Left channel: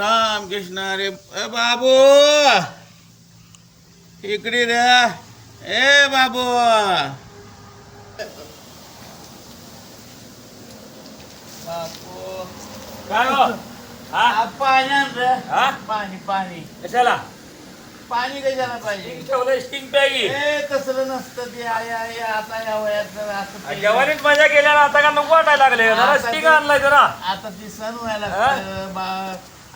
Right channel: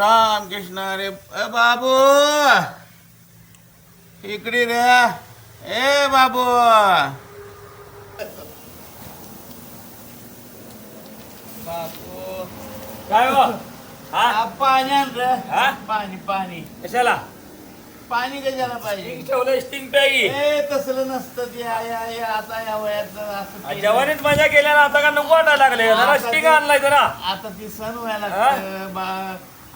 राम कृष्ण रे ए बाबू! इकडे रे ए बाबू! बाबू! काय हो? हा? पाणी आण रे. हा? पाणी पाणी. कशाला? पाणी कशाला पाहिजे. ठेवलं स्टिंग ए तसलं नसतं ते. आहे आहे आता या वयात असं ते- जवानीत मजा केल्या ना आता का नको वाटायला लागले? जरा आता स्टिंग ते- आणलाय जरा. आता ती सण व्हायला लागतं बा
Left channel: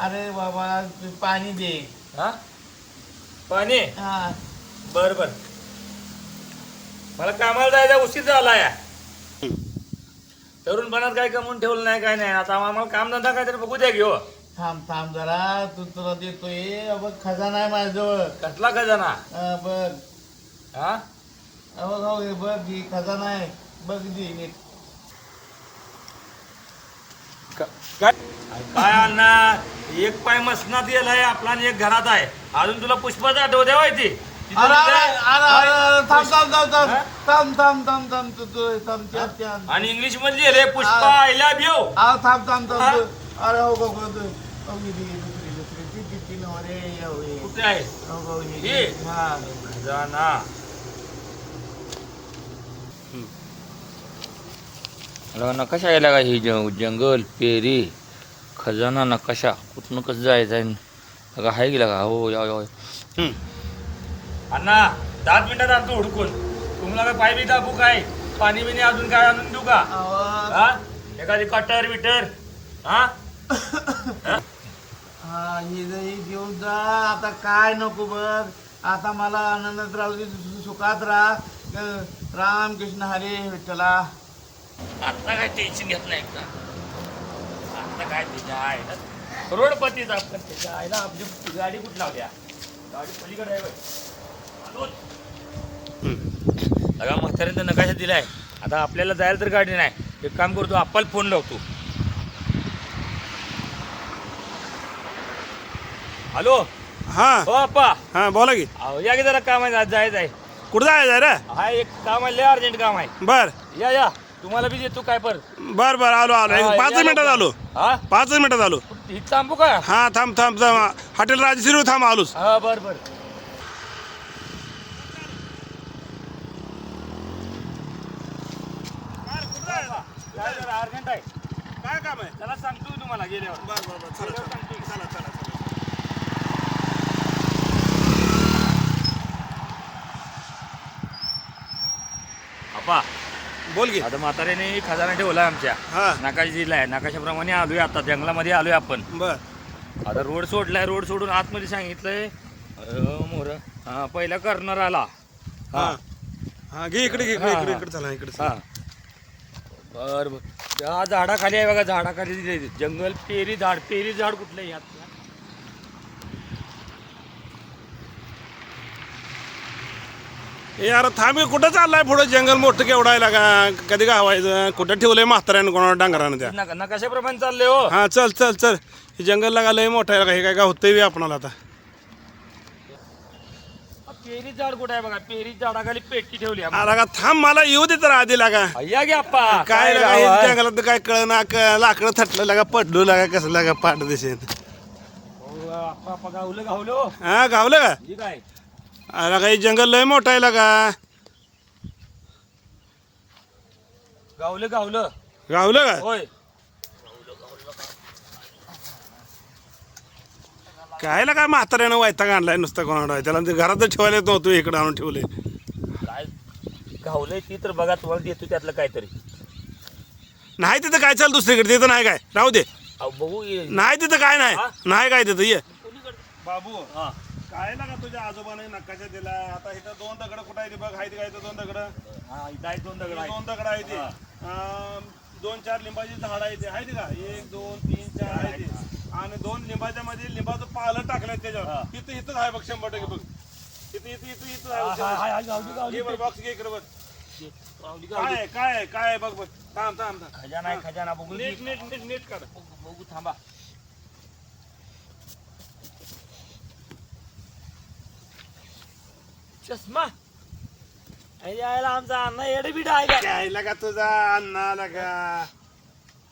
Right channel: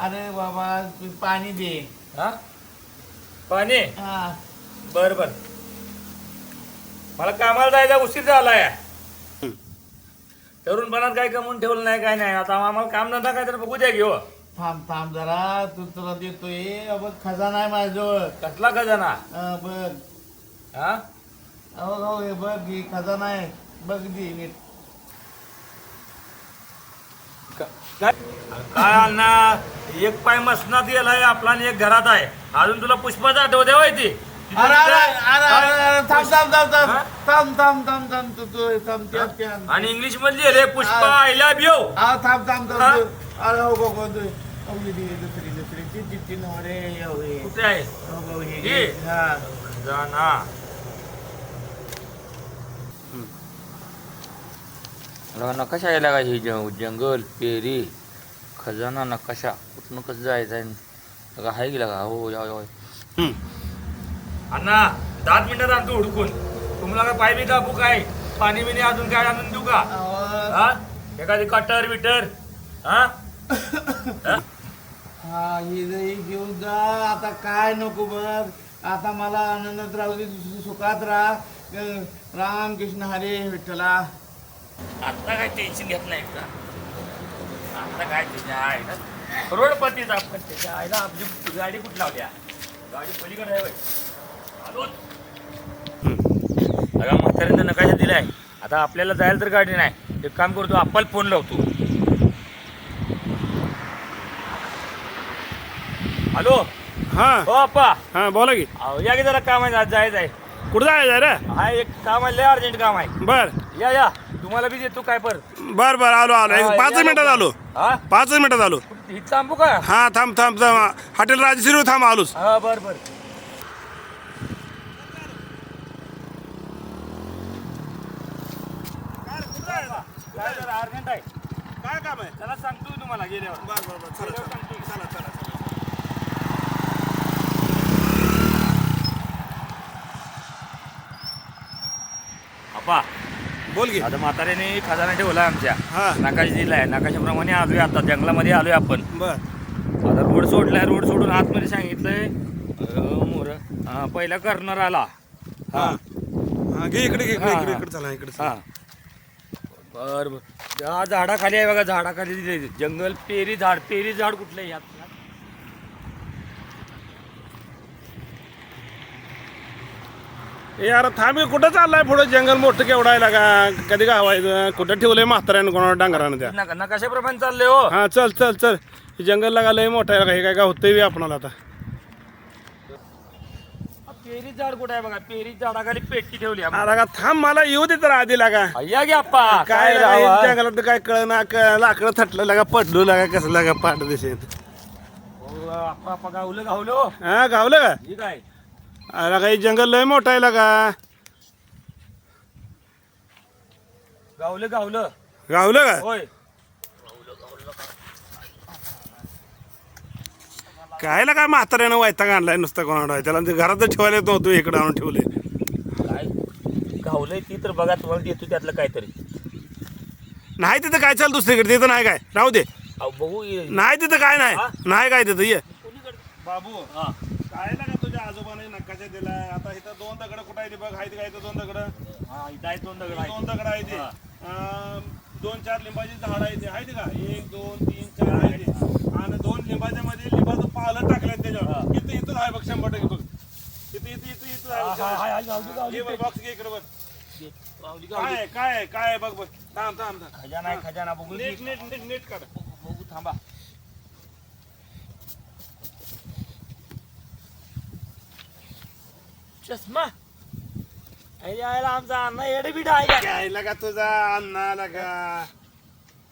अरे बाबा तू पाणी दे. हा? पाणी? हा. बर बर. मला कामाला जायचा उशीर झाला या तरुणपणात काही कमवून ठेवलं नाही काय नाही. आता आम्हाला काम धंदा काय तर बघू द्या घेऊ थांब थांब जरा. तू तुला देतोय. बघ खजाना आहे माझ्याजवळ. कसला खजाना? अ, बघ. हा? अहो हो हे बघ ही खजाना आहे. बघ दी नीट काय? काय अण्णा एक पाय मसनात गेलाय आपला आणि एक घरात आहे. अजून तुला पुष्पाचा आठवत आहे ती? अरे अरे अरे अरे अरे थांब थांब थांब थांब. हा? थांब थांब थांब थांब तू तू थांब त्यात त्यात. आणि इंग्लिशमध्ये लिहिले पुष्पा आय लव्ह यू हा थांब थांब हा? थांब. अरे हो बघ. दी दुसरी ती कुठे आहे? हे. हे? खजाना नकाशा यायला का ही जंगल पेरी? खजाना नकाशा कुठनं कसं जायचं आहे? का हाय गेला का हो या या अण्णा दहा मिनिटात आणतो हुडकून. तुम्हाला काय पाय बी दाबू काय? पाणी बिणी अजून काय आणून देऊ का? अहो, हा? एखादी कटर बिटर हा? हा ही घेऊन जा आता काय नको बघ. आता मला आनंदात राहू दे सुखात राहा. राम कृष्ण हरे विठ्ठला. आता काय टेन्शन घेत नाही का? आता काय त्याच्या आईला? करोडपतीच आपण त्याच्या आईला आपली गाडी कुठं लावल्या गाडी पलीकडे आहे बाई. अगं म्हाताऱ्यानं नकाशा दिलाय. आता आपल्याला जायला तर गाडी नाही. एक काम करतो आपण फोन लावतो. हॅलो? हा. हो अप्पा. हा बोला की. अहो, या की जरा काम आहे आज जायचं आहे. कुठं जायचं रे? हा एक काम आहे लय अर्जंट काम आहे. बर. या या. तुम्हाला बी देतो काय पर बर बर आलो आलो. एक पाच मिनिटात. आलो हा? पाच मिनिटात आलो कुठं- इथं थांबू का? हा थांब थांब थांब. हॉटेल राजश्री थांब आलोच. हा बर बर. काय जरा अर्जंट आहे. काय काम आहे? त्याला सांगतो तुम्हाला गेल्यावर. बर बर बर. गेल्यावर सांगतो आप्पा बोल की. आता म्हाताऱ्याने खजाना ठेवला आमच्या. हा. नकाशा दिलाय नकाशाप्रमाणे आलोय आता. जंगलामध्ये आलोय आपण. बर. आता रोड सोडलाय. रोड सोडून आतमध्ये सांगितलंय. अं, मोर. हा पहिला करणार आला. हा. हा घे इकडे घे इकडे इकडे. इकडे चला इकडे हा. बर बर. त्या झाडाखाली आहे बघा. झाडाखाली दिलंय. जंगल पेरी झाड. पेरी झाड कुठलं आहे यात ए यार थांब कुठं चाललाय पुढं? जंगल मोठं केवढा आहे का? कधी गावायचं? कुठं ठेवलंय म्हाताऱ्यानं कोणाला डांगरानं त्या? नका नकाशाप्रमाणे चाललंय हो. हा चल चल चल. हे जंगल लागा लय मोठं आहे का हे काय गावतंय बी आपणाला आता. पेरी झाड कुठं आहे बघा? पेरी झाडाखाली पेटी ठेवली. आला का थांब मला येऊ दे तर आधी लागा या घ्या अप्पा काय लागा, जंगलात काय कळ ना लाकडं थटलं लागा पडलो लागा कसं लागा पाठ दिसेल हो, गावलं गावलं. हो. हा गावलं का? हे काय आला का हे जंगल लय मोठं आहे लागा. गावलं गावलं. गावलं का? होय. काय काय म्हाताऱ्यानं वायता आणलाय नुसतं कोणाला? त्याला ते घरात ठेवायला येत नव्हतं इकडे आणून ठेवले. काय? गावलंय ती तर बघा तुम्हाला देतो त्यातलं काहीतरी. नाही तिथं काय चाल दुसरीकडे? तिथं नाही काय? राहू दे. अहो, बघू. नाही तिथं काय नाही? नाही काय तिथं? ये? बाबू. हा. काय लागा तुझ्या आजोबाने नकाशा दिला? आता इथं दोन दगड कुठं आहे ते बघ आहेत काय इथं दोन दगड? हा, इथं आहेत दोन दगड आहेत. दोन दगड आहे ते दोन चार लिंबाची झाड आहे ते आहे ते का? एक दोन तीन चार आहे ते आणि दोन लिंबाच्या मध्ये लिंबाचं पालं टाकलंय. त्याच्यावर. इथं इथं आहे बघ शंभर टक्के बघ. इथं इथं इथं इथं बॉक्स घे इकडे बघ. काय काय आहे काय बघ बघ. थांब थांब थांब. खजाना आहे खजाना बघू नीट नीट नीट नीट बघू बघू, थांबा. चष्मा. अरे यायला आमचा अण्णा एडे बिडा आहे का काय लगा तुझा अण्णा लगा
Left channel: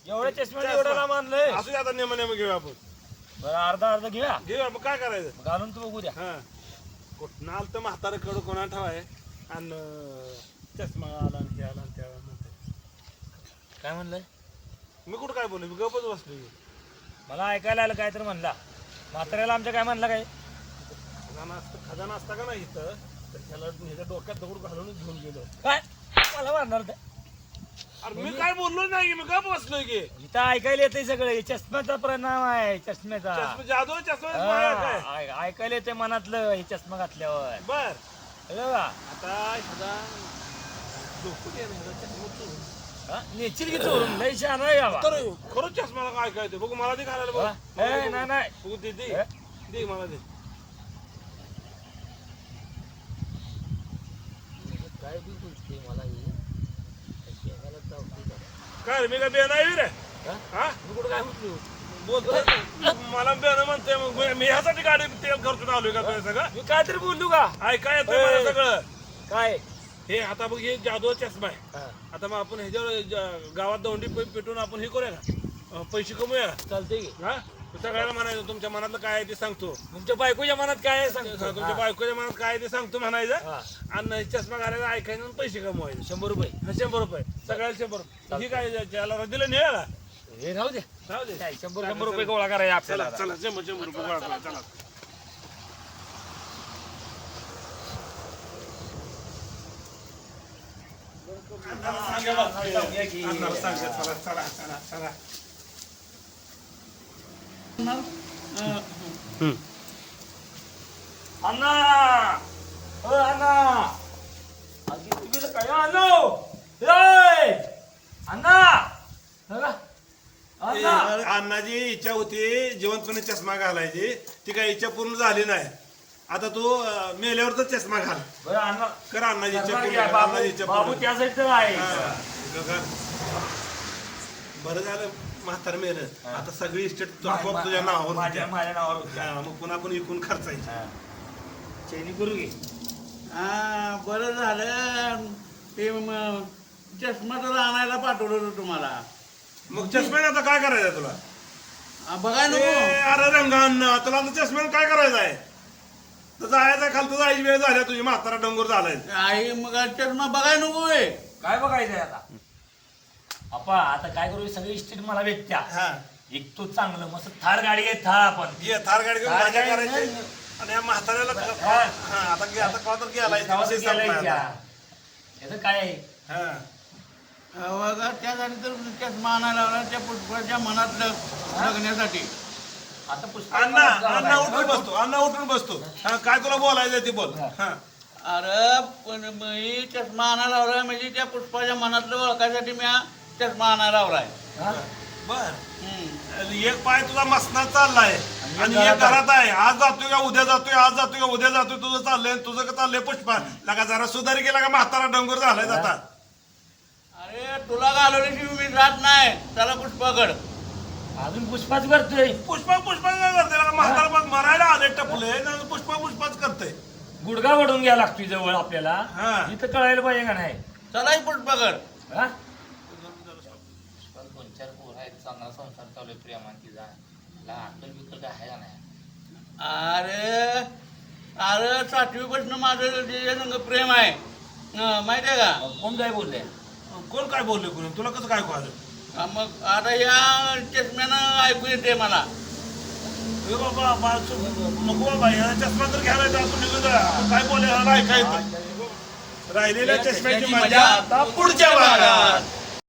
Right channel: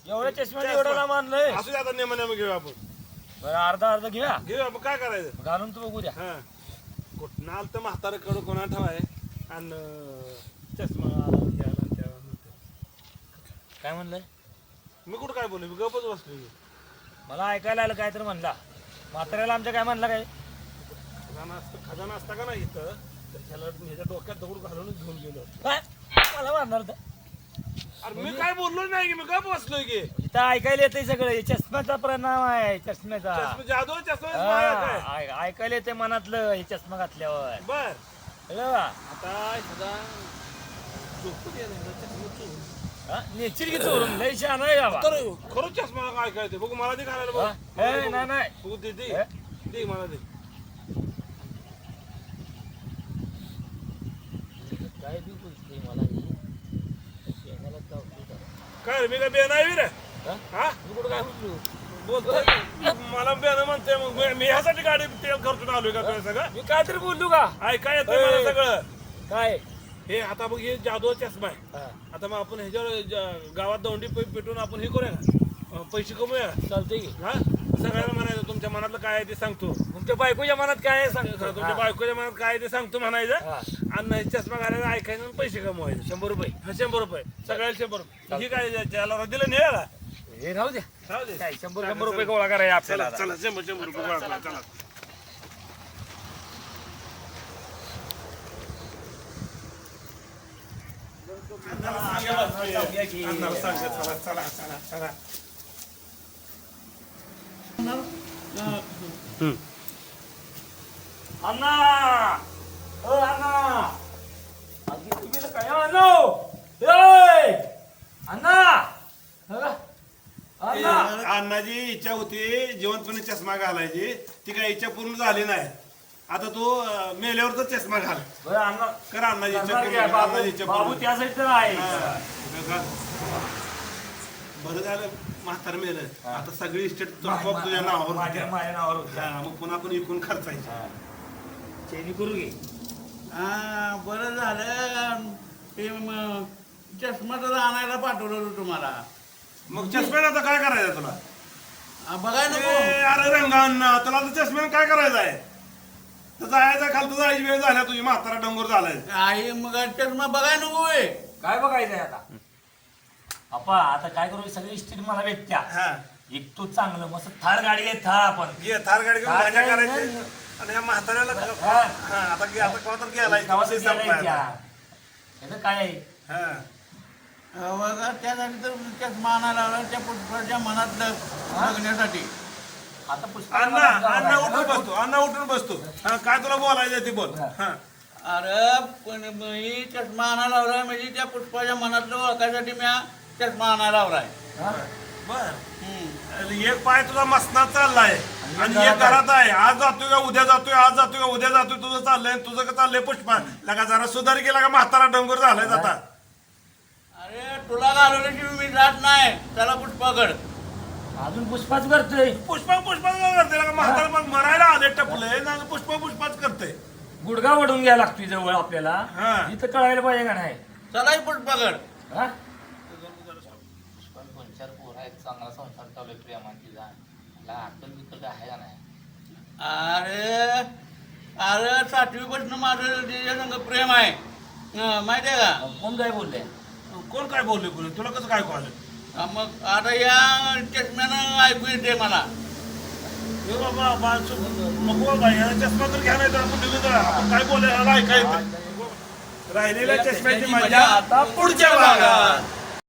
एवढ्या चष्म्याने एवढं नाम आणलंय असू दे आता नेम नेम घेऊ आपण. बरं अर्धा अर्धा घेऊया. घेऊ आपण काय करायचं? घालून तू बघू द्या. हा. कुठं आलं तर म्हातारं कडू कोणा ठेवाय? आणि अं, चष्मा आला आणि त्याला आणि त्याला म्हणते. काय म्हणलंय? मी कुठं काय बोलू मी गपच बसलो की. मला ऐकायला आलं काय तर म्हणला. म्हाताऱ्याला आमच्या काय म्हणला काय? खजाना असतं खजाना असता का नाही इथं? तर ह्याला ह्याच्या डोक्यात दगड घालूनच घेऊन गेलो. काय? मला मारणार अरे मी काय बोललो नाही की मी गप बसलोय की. इथं ऐकायला येते सगळं. हे चष्म्याचा परिणाम आहे चष्म्याचा. चष्मा जादू चष्मा माया काय? हा, ऐ- ऐकायला येते मनातलं हे चष्मा घातल्यावर. बर. कळलं का? आता ह्याचा डोकं दे ना, ह्याचा चष्मा चोरून. हा? नेशील की चोरून? लय छान आहे बाबा. तर खरंच चष्मा काय काय ते बघू मला दे घालायला बघ. हा? ए, नाही बघू. बघू दे दे. हे? दे मला दे. काय बोलते मला ही. चावते का? काय रे, मी काय बेन आहे रे? हा? हा? मी कुठं काय बोलतोय मला बेन म्हणतोय मग मी- मी ह्यासाठी गाडी तेल खर्चून आलोय का तुझ्या सगळं? मी काहीतरी बोललो का? ऐका येतंय मला. सगळं? काय? हे आता बघ हे जादू चष्मा आहे. हा, आता मग आपण ह्याच्यावर ज- गावात दौंडी पे- पेटून आपण हे करूया अं, पैसे कमूया का? चालतंय की. हा? सगळ्याला म्हणायचं तुमच्या मनातलं काय आहे ते सांगतो. तुमच्या बायकोच्या मनात काय आहे? सांगतो. तुमच्या बायकोच्या मनात काय आहे ते सांगतो म्हणायचं. आणि चष्मा घालायचा ऐकायचं आणि पैसे कमवायचे. शंभर रुपये. हा, शंभर रुपये. सगळ्याला शंभर रुपये. ही काय त्याला दिलं का? हे राहू द्या राहू दे. काय शंभर शंभर रुपये गोळा करायचे आपल्याला चला शंभर शंभर रुपये गोळा करा चला. सांगूया की. अन्नाला सांगा, चला चला चला चला. हम्म. अण्णा ओ अण्णा आधी तुम्ही तर काय आणलो ए अण्णा बघा. अण्णा अण्णाची इच्छा होती जिवंतपणे चष्मा घालायची ती काय इच्छा पूर्ण झाली नाही आता तू अं, मेल्यावर तर चष्मा घाल बरं अण्णा कर अण्णाची इच्छा पूर्ण? कर, बाबू अण्णाची इच्छा बाबू पूर्ण त्यासाठी तर आहे हा. घाल. बरं झालं म्हातार मेलं आता सगळी इस्टेट तुझ्या नावावर माझ्या. माझ्या नावावर. हा, मग पुन्हा आपण इकून खर्चायची. चैनी करू घे. हा बरं झालं. ते मग चष्मा तर आणायला पाठवलं होतं तुम्हाला. मग चष्म्यानं आता काय करायचं तुला? हा, बघाय ए, नको. अरे रंगांना तुला आता चष्म्यानं काय करायचं आहे? तर जायचं खालतं जायची वेळ झाल्या तुझी म्हातारा डोंगर झालाय. आई मग चष्मा बघाय नको वे काय बघायचंय आता? आपा आता काय करू? सगळी इस्टेट मला भेटत्या. हा. एक तू चांगलं मस्त थार गाडी आहे था आपण. ये थार गाडी घेऊन थार गाडी करायची. नाही. आणि या म्हाताऱ्याला हा. आता गे- आता कवा तर गेलाय विषय संपलाय गेलाय आता. त्या. याचं काय आहे हा. बघा त्यासाठी तर चष्मा आणायला लावला त्या पुष्पाच्या मनातलं बघण्यासाठी आता पुष्प अण्णा अण्णा उठून बसतो अण्णा उठून बसतो हा, काय तुला बोलायचं ते बोल हा. अरे पण मी चष्मा आणायला लावलाय म्हणजे त्या पुष्पाच्या मनातलं ओळखायसाठी मी हा चष्मा आणायला लावलाय बर हम्म. आणि एक पाय तुझा मसनात चाललाय आणि एक घरात आहे. आज जातोय का उद्या जातोय आज जातोय का उद्या जातोय तुझं चाललंय आणि तुझं का चाललंय पुष्पा? लगा जरा सुधार केला का म्हातारा डोंगर झालाय आता अरे तुला घालवल्याशिवाय मी जात नाही. त्याला पुष्पाकड. अजून पुष्पाच करतोय. पुष्पा पुष्पा काय करते? लगा म्हातारा मग मरायला आले टपले ना पुष्पा पुष्पाच करते. गुडगा वडून घ्यायला लागतोय जवळ आपल्याला. हा. इथं कळायला पाहिजे का नाही? चलाय पुष्पाकड. हा? पण दोन चार पोर आहेत चांगला संसार चालू आहे प्रेमान तिचा. अरे अरे सातवीपासून माझं संग प्रेम आहे हं, माहिती आहे का कोण काय बोलले कोण काय बोलले कोणी तुला कसं काय कळलं? हा, मग आता या चष्म्यानं ऐकू येते मला. ए बाबा बा- नको बाबा चष्मा तर घ्यायला येतो आपण काय बोलायला ऐकायचं? राहिलेल्या चष्म्याची मजा आता पुढच्या भागात.